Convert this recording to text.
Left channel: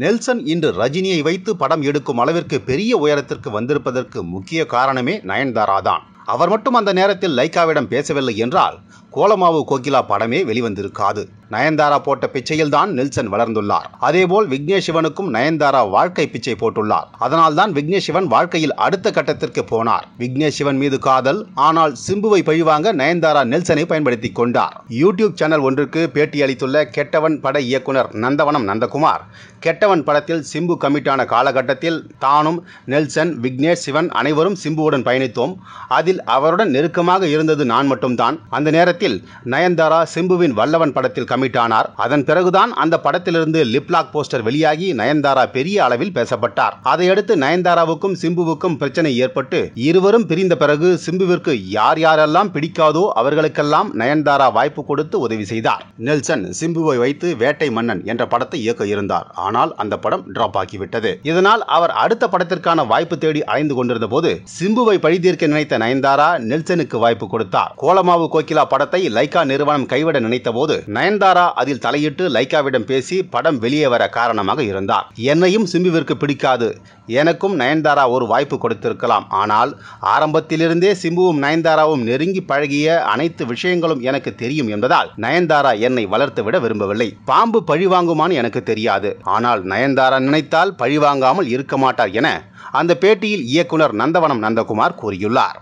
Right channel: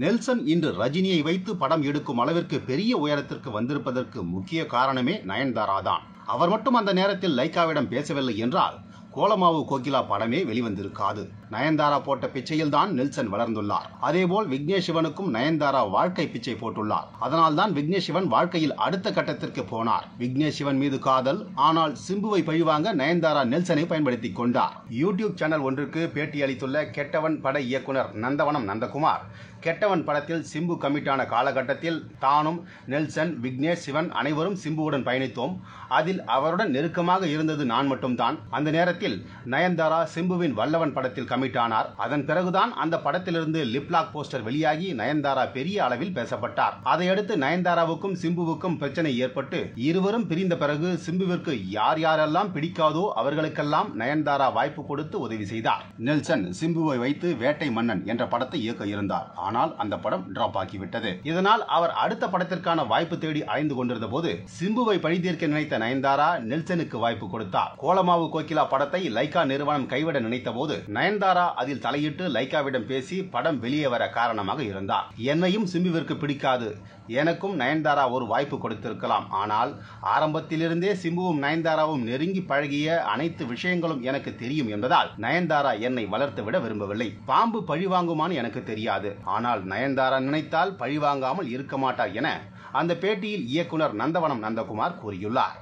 Nelson இன்று ரஜினியை வைத்து படம் எடுக்கும் அளவிற்கு பெரிய உயரத்திற்கு வந்திருப்பதற்கு முக்கிய காரணமே நயன்தாரா தான். அவர் மட்டும் அந்த நேரத்தில் லைக்காவிடம் பேசவில்லை என்றால் கோலமாவு கோகிலா படமே வெளிவந்திருக்காது. நயன்தாரா போட்ட பிச்சையில் தான் நெல்சன் வளர்ந்துள்ளார். அதேபோல் விக்னேஷ் சிவனுக்கும் நயன்தாரா வாழ்க்கை பிச்சை போட்டுள்ளார். அதனால் தான் விக்னேஷ் சிவன் வாழ்க்கையில் அடுத்த கட்டத்திற்கு போனார். விக்னேஷ் சிவன் மீது காதல், ஆனால் சிம்புவை பழிவாங்க நயன்தாரா நெல்சனை பயன்படுத்திக் கொண்டார். யூடியூப் சேனல் ஒன்றுக்கு பேட்டி அளித்துள்ள கெட்டவன் பட இயக்குனர் நந்தவனம் நந்தகுமார், கெட்டவன் படத்தில் சிம்பு கமிட்டான காலகட்டத்தில் தானும் நெல்சன், விக்னேஷ் சிவன் அனைவரும் சிம்புவுடன் பயணித்தோம். அதில் அவருடன் நெருக்கமாக இருந்தது நான் மட்டும்தான். அந்த நேரத்தில் நயன்தாரா சிம்புவின் வல்லவன் படத்தில் கமிட் ஆனார். அதன் பிறகுதான் அந்த படத்திலிருந்து லிப்லாக் போஸ்டர் வெளியாகி நயன்தாரா பெரிய அளவில் பேசப்பட்டார். அதையடுத்து நயன்தாராவுக்கும் சிம்புவுக்கும் பிரச்சனை ஏற்பட்டு இருவரும் பிரிந்த பிறகு சிம்புவிற்கு யார் யாரெல்லாம் பிடிக்காதோ அவர்களுக்கெல்லாம் நயன்தாரா வாய்ப்பு கொடுத்து உதவி செய்தார். நெல்சன் சிம்புவை வைத்து வேட்டை மன்னன் என்ற படத்தை இயக்க இருந்தார். ஆனால் அந்த படம் டிராப் ஆகிவிட்டது. இதனால் அவர் அடுத்த படத்திற்கான வாய்ப்பு தேடி அலைந்து கொண்டிருந்த போது சிம்புவை பழிதீர்க்க நினைத்த நயன்தாரா நெல்சனுக்கு வாய்ப்பு கொடுத்தார். கோலமாவு கோகிலா படத்தை லைகா நிறுவனம் கைவிட நினைத்த போது நயன்தாரா அதில் தலையிட்டு லைகாவிடம் பேசி படம் வெளியே வர காரணமாக இருந்தார். என்னையும் சிம்புவிற்கு பிடிக்காது, எனக்கும் நயன்தாரா ஒரு வாய்ப்பு கொடுத்திருக்கலாம். ஆனால் ஆரம்பத்திலிருந்தே சிம்புவும் நயன்தாராவும் நெருங்கி பழகிய அனைத்து விஷயங்களும் எனக்கு தெரியும் என்பதால் நயன்தாரா என்னை வளர்த்து விட விரும்பவில்லை. பாம்பு பழிவாங்குமான்னு எனக்கு தெரியாது, ஆனால் நயன்தாரா நினைத்தால் பழிவாங்காமல் இருக்க மாட்டார் என அந்த பேட்டியில் இயக்குனர் நந்தவனம் நந்தகுமார் கூறியுள்ளார்.